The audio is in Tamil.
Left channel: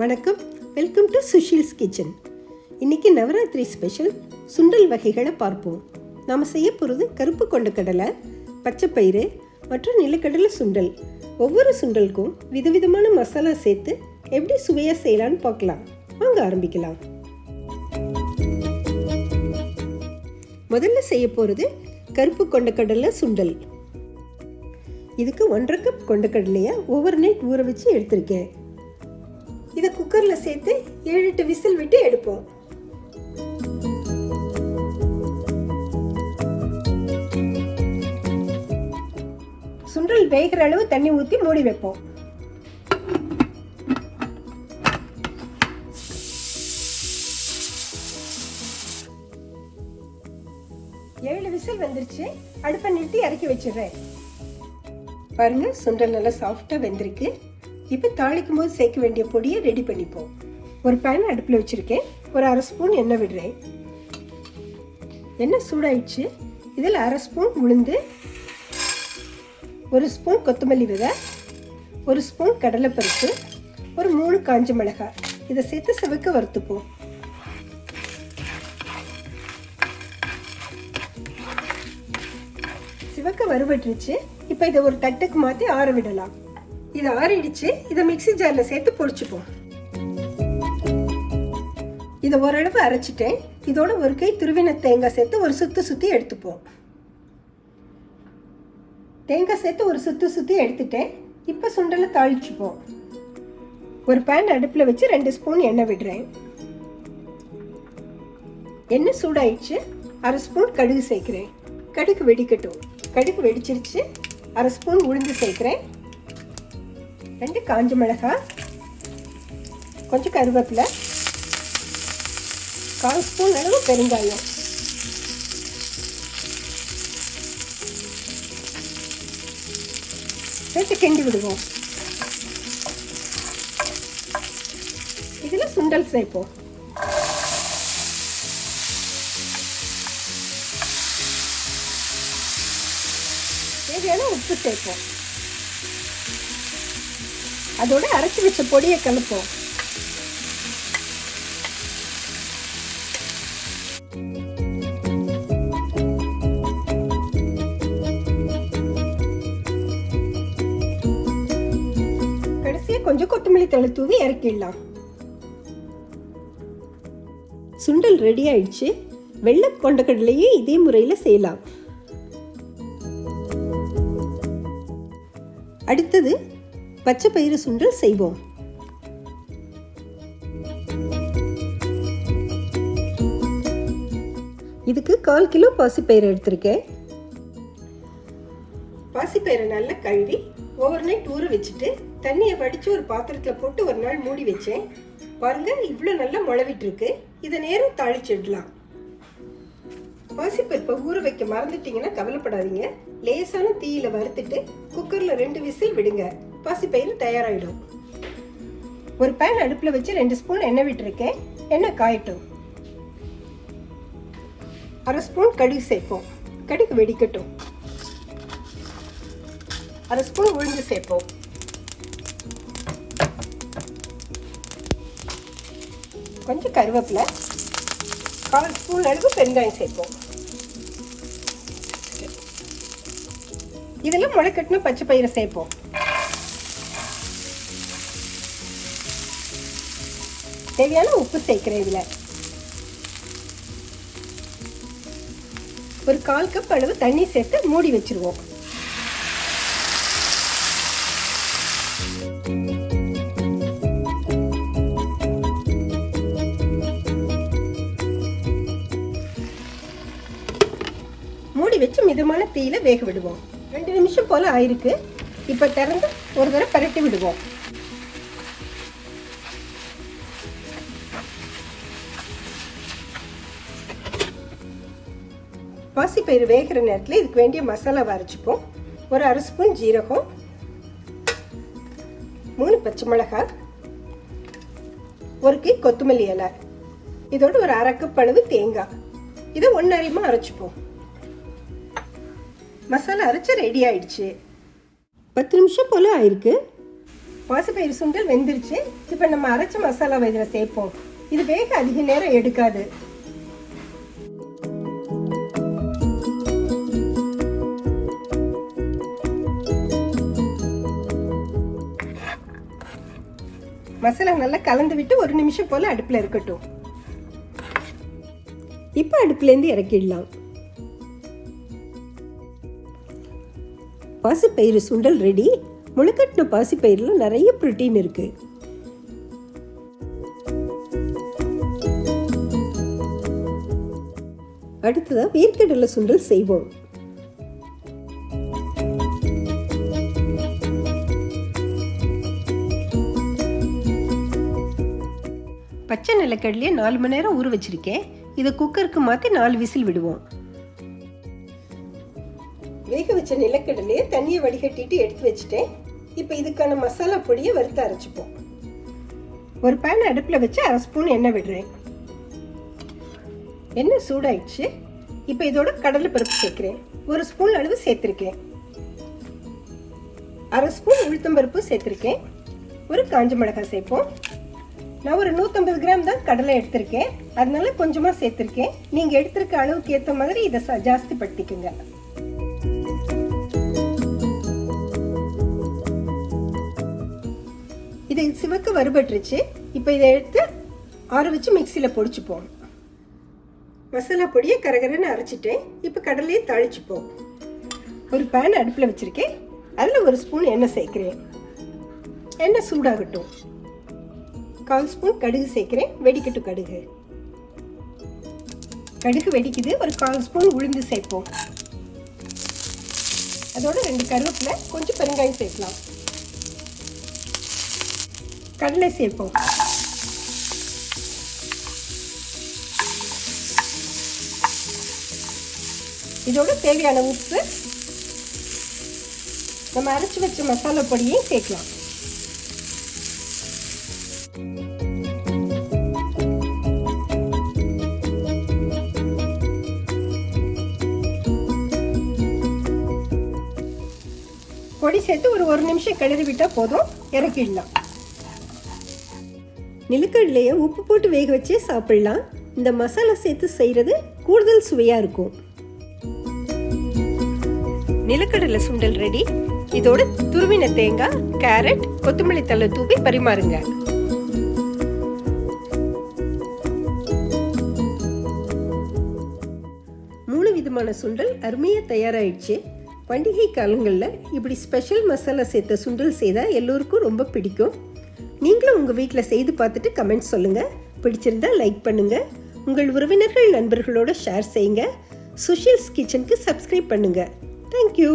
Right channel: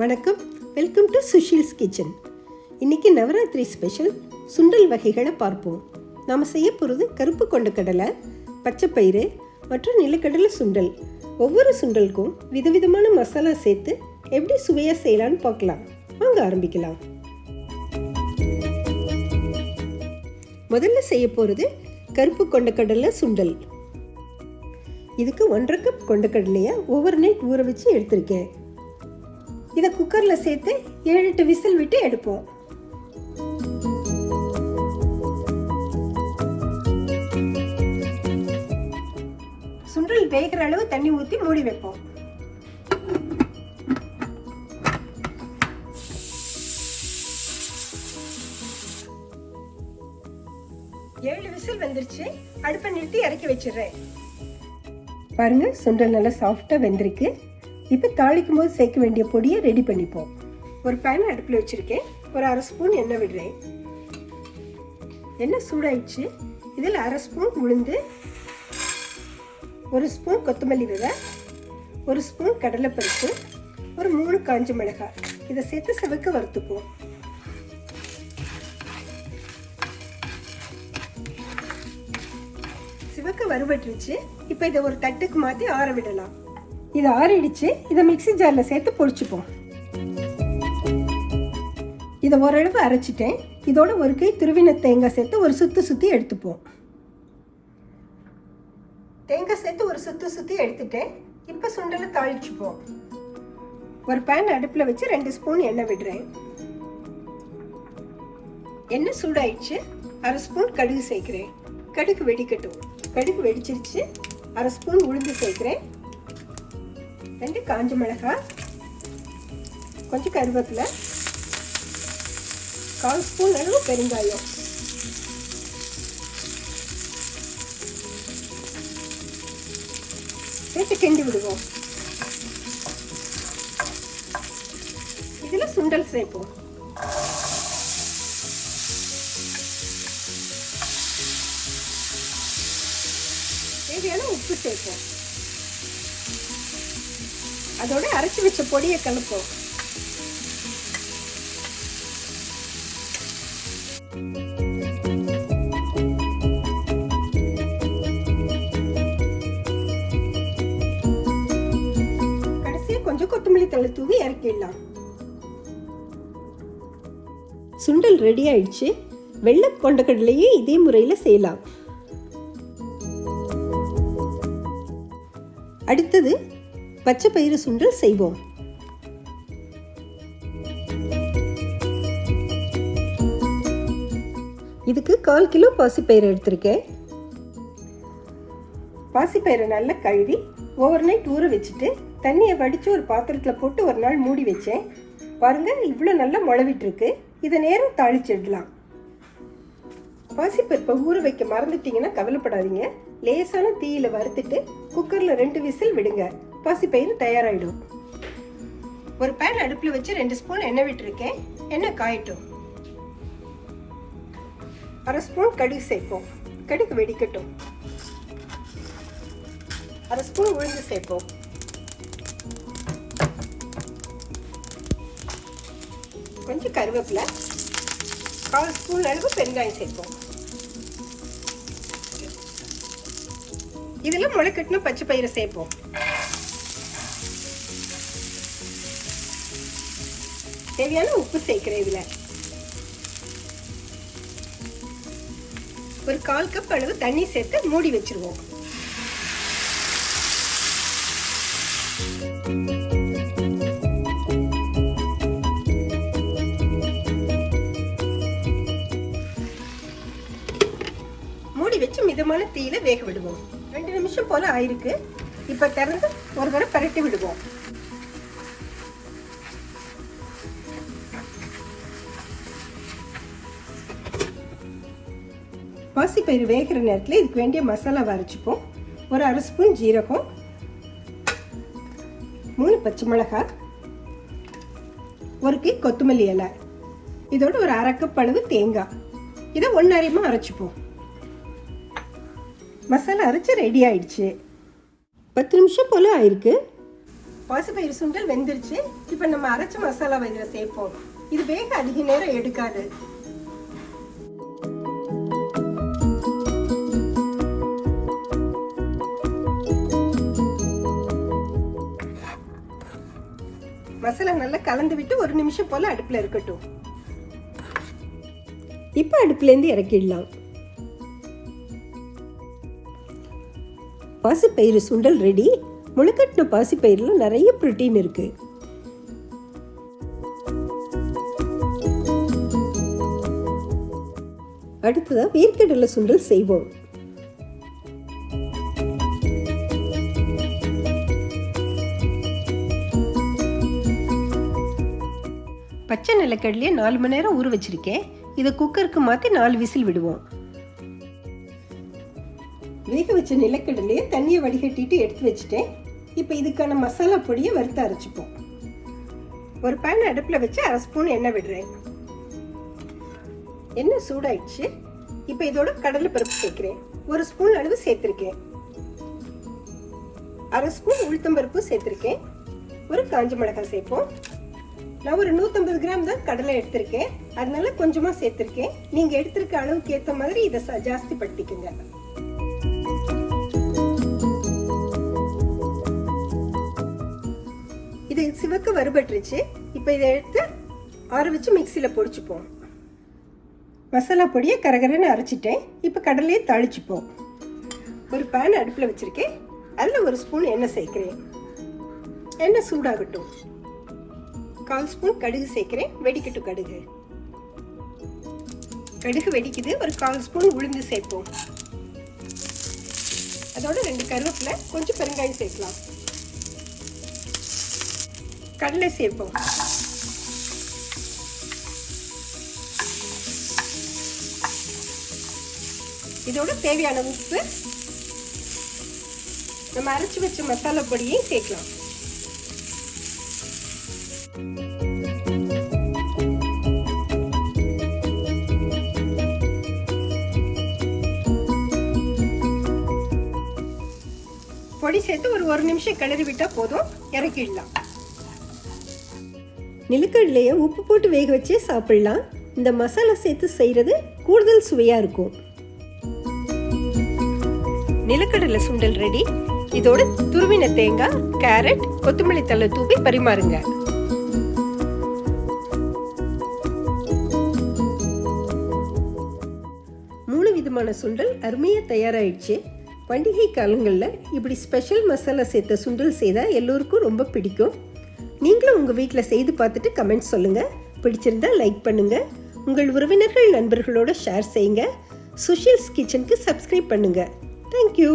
வணக்கம், வெல்கம் டு சுஷீல்ஸ் கிச்சன். இன்றைக்கி நவராத்திரி ஸ்பெஷல் சுண்டல் வகைகளை பார்ப்போம். நாம் செய்ய போகிறது கருப்பு கொண்ட கடலை, பச்சைப்பயிறு மற்றும் நிலக்கடலை சுண்டல். ஒவ்வொரு சுண்டலுக்கும் விதவிதமான மசாலா சேர்த்து எப்படி சுவையாக செய்யலான்னு பார்க்கலாம். வாங்க ஆரம்பிக்கலாம். முதல்ல செய்ய போகிறது கருப்பு கொண்ட கடலை சுண்டல். இதுக்கு 1.5 கப் கொண்ட கடலையை ஓவர் நைட் ஊற வச்சு எடுத்திருக்கேன். இதை குக்கரில் சேர்த்து 7-8 விசில் விட்டு எடுப்போம். சுண்டல் வேகிற அளவு தண்ணி ஊற்றி மூடி வைப்போம். ஏழு விசில் வந்துருச்சு. அடுப்பை நிறுத்தி இறக்கி வச்சிடுறேன். பாருங்க, சுண்டல் நல்லா சாஃப்டாக வெந்திருக்கு. இப்போ தாளிக்கும் போது சேர்க்க வேண்டிய பொடியை ரெடி பண்ணிப்போம். ஒரு பேன் அடுப்பில் வச்சுருக்கேன். ஒரு 1/2 ஸ்பூன் எண்ணெய் விடுறேன். எண்ணெய் சூடாயிடுச்சு. இதில் 1/2 ஸ்பூன் உளுந்து, 1 ஸ்பூன் கொத்தமல்லி விதை, 1 ஸ்பூன் கடலைப்பருப்பு, ஒரு 3 காஞ்ச மிளகாய் இதை சேர்த்து சிவக்க வறுத்துப்போம். சிவக்க வறுபட்டுருச்சு. இப்போ இதை ஒரு தட்டுக்கு மாற்றி ஆற விடலாம். இதை ஆறிடுச்சு. இதை மிக்ஸி ஜாரில் சேர்த்து பொடிச்சுப்போம். இதை ஓரளவு அரைச்சிட்டேன். இதோட ஒரு கை துருவின தேங்காய் சேர்த்து ஒரு சுற்றி எடுத்துப்போம். தேங்காய் சேர்த்து ஒரு சுற்றி எடுத்துட்டேன். இப்போ சுண்டலை தாளிச்சுப்போம். ஒரு பேன் அடுப்பில் வச்சு 2 ஸ்பூன் எண்ணெய் விடுறேன். எண்ணெய் சூடாயிடுச்சு. 1/2 ஸ்பூன் கடுகு சேர்க்கிறேன். கடுகு வெடிக்கட்டும். கடுகு வெடிச்சிருச்சு. 1/2 ஸ்பூன் உளுந்து சேர்க்கிறேன். 2 காஞ்ச மிளகாய், கொஞ்சம் கருவேப்பிலை, 1/4 ஸ்பூன் அளவு பெருங்காயம், சேர்த்து கிண்டி விடுவோம். இதில் சுண்டல் சேர்ப்போம். தேவையான உப்பு சேர்ப்போம். அதோட அரைச்சி வச்ச பொடியை கலப்போம். கடைசியா கொஞ்சம் கொத்தமல்லி தழை தூவி இறக்கிடலாம். சுண்டல் ரெடி ஆயிடுச்சு. வெள்ளை கொண்டக்கடலையே இதே முறையில் செய்யலாம். அடுத்தது பச்சை பயிறு சுண்டல் செய்வோம். இதுக்கு 1/4 கிலோ பாசிப்பயிறு எடுத்திருக்கேன். பாசிப்பயிரை நல்லா கழுவி ஓவர் நைட் ஊற வச்சுட்டு தண்ணியை வடித்து ஒரு பாத்திரத்தில் போட்டு ஒரு நாள் மூடி வச்சேன். பாருங்க, இவ்வளோ நல்லா முளவிட்டு இருக்கு. இதை நேரம் தாளிச்சிடலாம். பாசிப்பருப்பை ஊற வைக்க மறந்துட்டீங்கன்னா கவலைப்படாதீங்க. லேசான தீயில வறுத்துட்டு குக்கர்ல 2 விசில் விடுங்க. பாசிப்பயிறு தயாராயிடும். ஒரு பேன் அடுப்புல வச்சு 2 ஸ்பூன் எண்ணெய் விட்டுருக்கேன். எண்ணெய் காயட்டும். 1/2 ஸ்பூன் கடுகு சேர்ப்போம். கடுகு வெடிக்கட்டும். 1/2 ஸ்பூன் உளுந்து சேர்ப்போம். கொஞ்சம் கருவேப்பிலை, 1/4 ஸ்பூன் அளவு பெருங்காயம் சேர்ப்போம். இதெல்லாம் முளைக்கட்டின பச்சை பயிரை சேர்ப்போம். தேவையான உப்பு சேர்க்கிறேன். இதுல ஒரு 1/4 கப் அளவு தண்ணி சேர்த்து மூடி வச்சிருவோம். மூடி வச்சு மிதமான தீயில வேக விடுவோம். 2 நிமிஷம் போல ஆயிருக்கு. இப்ப திறந்து ஒரு தடவை பரட்டி விடுவோம். பாசிப்பயிறு வேகிற நேரத்தில் இதுக்கு வேண்டிய மசாலாவை அரைச்சிப்போம். ஒரு 1/2 ஸ்பூன் ஜீரகம், 3 பச்சை மிளகாய், 1 கை கொத்தமல்லி இலை, இதோட ஒரு 1/2 கப் அளவு தேங்காய். இதை ஒன்றரைமா அரைச்சிப்போம். மசாலா அரைச்சா ரெடி ஆயிடுச்சு. 10 நிமிஷம் போல ஆயிருக்கு. பாசிப்பயிறு சுண்டல் வெந்துருச்சு. இப்போ நம்ம அரைச்ச மசாலாவை இதில் சேர்ப்போம். இது வேக அதிக நேரம் எடுக்காது. மசாலா நல்லா கலந்து விட்டு 1 நிமிஷம் போல அடுப்பில் இருக்கட்டும். இப்போ அடுப்புலேருந்து இறக்கிடலாம். பாசிப்பயிறு சுண்டல் ரெடி. முளைக்கட்டின பாசிப்பயிரில் நிறைய புரோட்டீன் இருக்கு. அடுத்ததாக வேர்க்கடலை சுண்டல் செய்வோம். பச்சை நிலக்கடலையை 4 மணி நேரம் ஊற வச்சிருக்கேன். இதை குக்கருக்கு மாற்றி 4 விசில் விடுவோம். வேக வச்ச நிலக்கடலையை தண்ணியை வடிகட்டிட்டு எடுத்து வச்சுட்டேன். இப்போ இதுக்கான மசாலா பொடியை வறுத்து அரைச்சிப்போம். ஒரு பேன் அடுப்பில் வச்சு 1/2 ஸ்பூன் எண்ணெய் விடுறேன். எண்ணெய் சூடாயிடுச்சு. இப்போ இதோட கடலை பருப்பு சேர்க்கிறேன். 1 ஸ்பூன் அளவு சேர்த்துருக்கேன். 1/2 ஸ்பூன் உளுத்தம்பருப்பு சேர்த்துருக்கேன். ஒரு காஞ்ச மிளகாய் சேர்ப்போம். நான் ஒரு 150 கிராம் தான் கடலை எடுத்திருக்கேன். அதனால கொஞ்சமாக சேர்த்துருக்கேன். நீங்கள் எடுத்திருக்க அளவுக்கு ஏற்ற மாதிரி இதை ஜாஸ்தி படுத்திக்குங்க. இது சிவக்க வறுபட்டுருச்சு. இப்போ இதை எடுத்து ஆற வச்சு மிக்சியில் பொடிச்சுப்போம். மசாலா பொடியை கரகரன்னு அரைச்சிட்டேன். இப்போ கடலையை தாளிச்சுப்போம். ஒரு பேன் அடுப்பில் வச்சுருக்கேன். அதில் 1 ஸ்பூன் எண்ணெய் சேர்க்கிறேன். எண்ணெய் சூடாகட்டும். 1/4 ஸ்பூன் கடுகு சேர்க்கிறேன். வெடிக்கட்டும் கடுகு. கடுகு வெடிக்குது. ஒரு 1/4 ஸ்பூன் உளுந்து சேர்ப்போம். அதோட 2 கருவேப்பிலை, கொஞ்சம் பெருங்காயம் சேர்க்கலாம். கடலை சேர்ப்போம். இதோட தேவையான உப்பு, நம்ம அரைச்சி வச்ச மசாலா பொடியை சேர்க்கலாம். பொடி சேர்த்து ஒரு 1 நிமிஷம் கிளறி விட்டால் போதும். இறக்கிடலாம். நிலக்கடலையை உப்பு போட்டு வேக வச்சே சாப்பிடலாம். இந்த மசாலா சேர்த்து செய்கிறது கூடுதல் சுவையாக இருக்கும். நிலக்கடலை சுண்டல் ரெடி. இதோட துருவின தேங்காய், கேரட், கொத்தமல்லி தழை தூவி பரிமாறுங்க. மூணு விதமான சுண்டல் அருமையாக தயாராகிடுச்சு. பண்டிகை காலங்களில் இப்படி ஸ்பெஷல் மசாலா சேர்த்த சுண்டல் செய்தால் எல்லோருக்கும் ரொம்ப பிடிக்கும். நீங்களும் உங்கள் வீட்டில் செய்து பார்த்துட்டு கமெண்ட் சொல்லுங்கள். பிடிச்சிருந்தா லைக் பண்ணுங்கள். உங்கள் உறவினர்கள் நண்பர்களோட ஷேர் செய்யுங்க. சுஷீல்ஸ் கிச்சனுக்கு சப்ஸ்கிரைப் பண்ணுங்கள். தேங்க்யூ.